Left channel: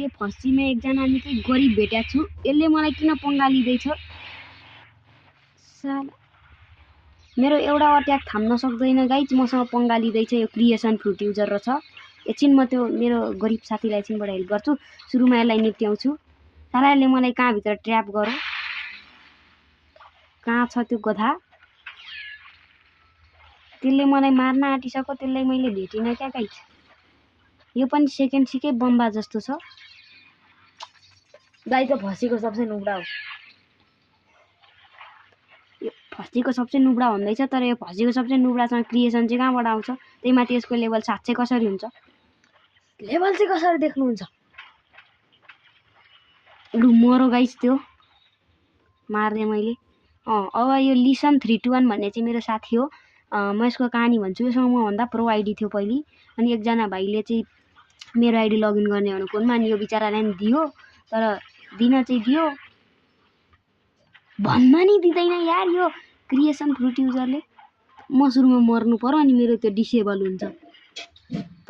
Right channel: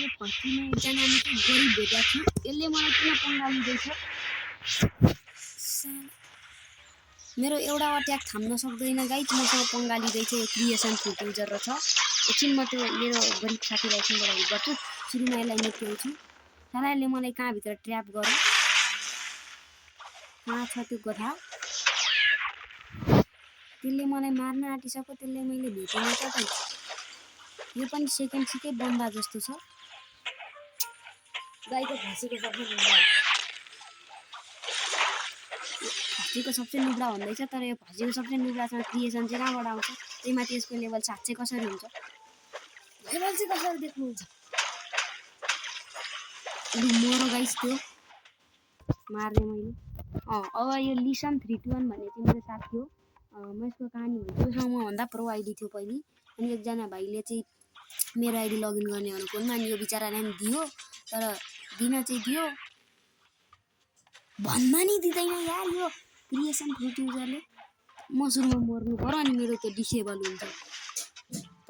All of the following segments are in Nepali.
मैले फर्स्टमा एकजना निकै गरिब भेटेको छु। यसले मलाई किन पंगा लिँदैछ? मेरो एउटा अट्याक थाम्न सक्दैन गाइज, मसँग पंगा लिँदैछ। यो क्रिएसन फ्रुट युजर रहेछ। एकछिन म त्यो मेरो गरिब साथीलाई एकछिनबाट हेल्प गर्छु। सुरुमा यसलाई निप्ट्याउँछु। सालाले मलाई कहाँभित्र ट्र्याप गर्यो? कहाँ छ त्यो गधा? त्यसले मलाई मार्न आँटिसक्यो। त्यसलाई मैले भेटिनँ क्या गाइज। यो पनि सेकेन्ड सिकै बम्बा जस्तो छ। गाईको फसीको सबसे नुब्रा हो। फसीको सबसे नुब्रा भन्दैछ, तर यो फसीको सबसे नुब्रासँग क्रिएसन चाहिँ कहाँबाट आउँछ? त्यही माथि यसको लेभल 7 चाहिँ कसरी हुन्छ? लेभल चाहिँ कसरी देख्नुहुन्छ? लु मरो गाइस, त्यो मार्ने मैले। अब यो लिसन 321 भन्ने चाहिँ मेरो साथी हो। म यसको कहानी भन्छु। योसँग मभन्दा प्रो आइडी थियो पहिले। अनि एकजना भाइले चाहिँ मेरो आइडी लगइन गर्ने भनेर फोनमा, अनि यो बिचरालाई नि दियो, तर दिन चाहिँ दियो, भन्न नि दिँदैन यार यो क्रिएसन फ्रुट युजरले। म सुरुमा मर्नु पर्यो अनि मेरो त्यो डिसेबल हुन्छ।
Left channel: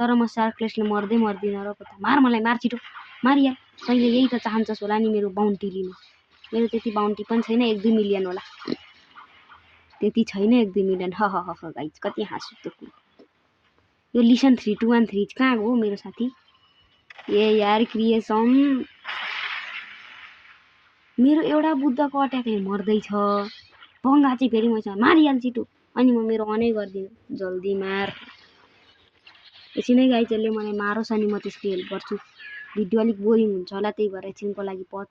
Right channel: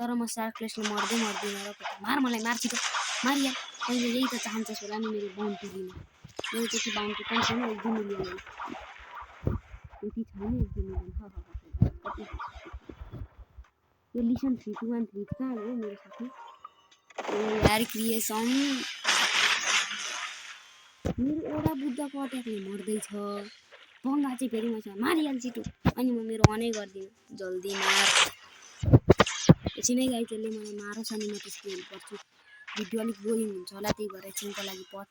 तर म सार्कलेसले मर्दिनँ र मार, मलाई मार छिटो, मारिया। तैँले यही त चाहन्छस् होला नि मेरो बााउन्टी लिन। मेरो त्यति बााउन्टी पनि छैन, 1-2 मिलियन होला। त्यति छैन 1-2 मिलियन। ह गाइज, कति हाँसु त्यो कुरो। यो लिसन 3213 कहाँ हो मेरो साथी? ए यार क्रिएसन, मेरो एउटा बुद्धको अट्याकले मर्दैछ। पंगा चाहिँ फेरि मसँग मारिहाल छिटो। अनि म मेरो अनै गर्दिनँ, जल्दी मार। एकछिनै गाइज, त्यसले मलाई मारोस् अनि म त्यसको हेल्प गर्छु। भिडियो अलिक बोरिङ हुन्छ होला, त्यही भएर एकछिनको लागि पच।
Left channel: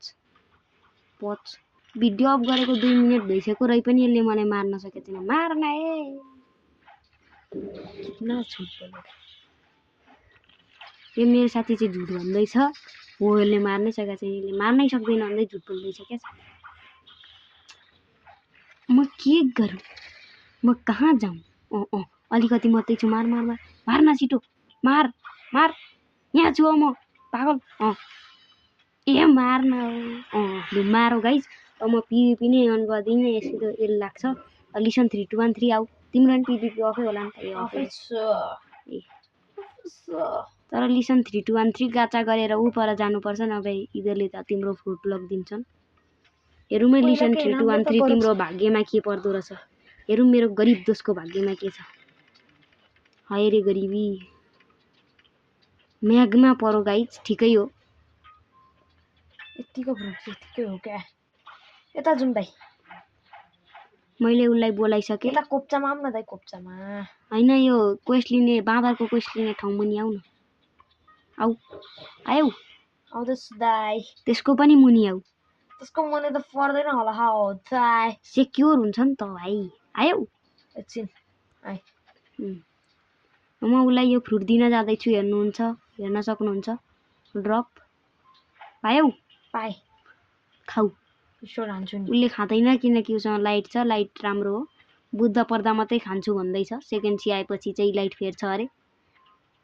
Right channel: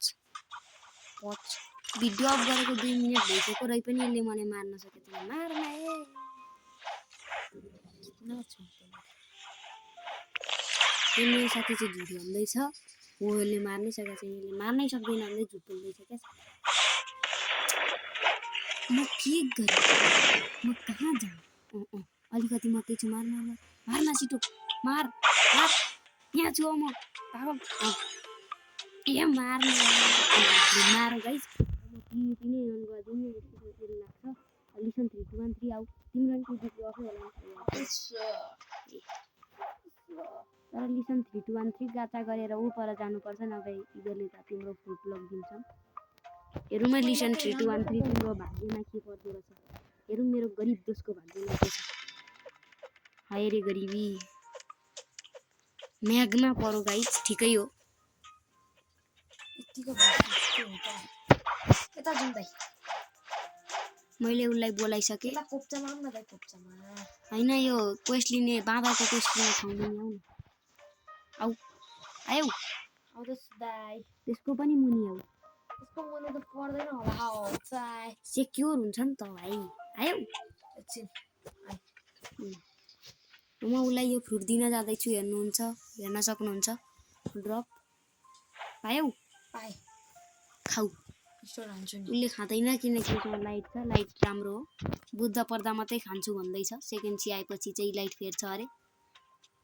भिडियो अफ गरेको 2 मिनट भइसक्यो र पनि यसले मलाई मार्न सकेको छैन। मार्न ए कितना झुट बोलेको। यो मेरो साथी चाहिँ झुट भन्दैछ। हो, यसले मार्नै सकेको छैन, यसले मार्नै सक्दैन भन्दै झुट बोल्दैछ क्या। म के गरेँ? म कहाँ जाऊँ? अलिकति मात्रै छु। मार्न छिटो, मार। यहाँ छु म, पागल। ए मार्न। मारो गाइज। अब म पिभिपी नै अन गर्दिनँ, यस्तो एल लाग्छ। लिसन 3213 आऊ। तिम्रो पनि पिभिपी अफै होला नि त। तर लिसन 3213 गाचा गरेर ऊ पर जानुपर्छ, नभए यिनीहरूले त तिम्रो फ्रुट लगिदिन्छन्। हेरौँ है लिसन 3213 तिम्रो भाग्यमा के पर्दो रहेछ। हेरौँ मेरो गरिब दोस्तको भाग्यमा के छ। हाय रे गरिबी। म्यागमा परो गाइज, ठिकै हो। यतिको भ्रष्ट हो क्या? यता जुन दाइ, मैले उसलाई बोलाइसकेँ। यता कोप्चामा आउँ न दाइ, कोप्चामा। होइन, यो क्वेस्ट लिने, बाँदरको क्वेस्ट लिने ठाउँ मुनि आऊ न। आऊ। आउँदैछु दाइ। त्यसको पनि मुनि आऊ। त्यसको मुनि त पर्दैन होला। हो दाइ, सेक्योर हुन्छ नि त भाइ। आऊ एकछिन। म उसलाई यो फ्रुट दिन जाँदैछु, हेर्न सक्नुहुन्छ। ड्रप पायौ? पाएँ। खाऊ। ईश्वर हान्छु नि। उसले खाँदैन किनकि उसँग लाइट छ। लाइट राम्रो हो। बुद्ध पर्दा मात्रै खान्छु भन्दैछ। सेकेन्ड सी आएपछि चाहिँ लाइट फेर्छ अरे।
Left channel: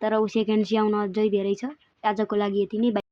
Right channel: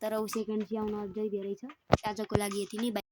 तर ऊ सेकेन्ड सी आउन अझै धेरै छ। आजको लागि यति नै।